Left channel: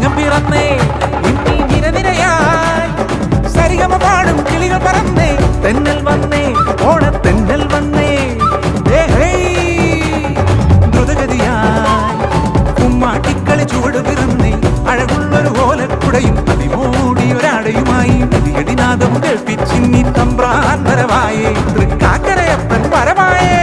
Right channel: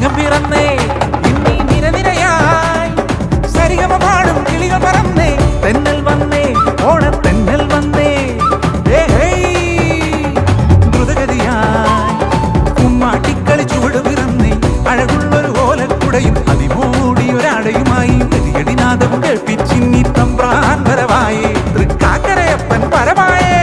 ചിങ്ങം പിറന്നേ ഇന്നീ നിരനിരയായി സരിഗമ പാടും കിളികൾ പറന്നേ തെന്നൽ വന്നേ ഓണത്തെന്നൽ വന്നേ ദ്രുതഗതിയായി കുമ്മാട്ടിക്കളി ചുവട് പിറന്നേ അഴകുള്ളൊരു ഓലക്കുടയും അതിമൂടിയൊരാടയുമായി മെതിയടിനാദവും കേൾപ്പിച്ചിന്നി തമ്പ്രാൻ വരവായേ തൃക്കാക്കരയപ്പൻ വരവായേ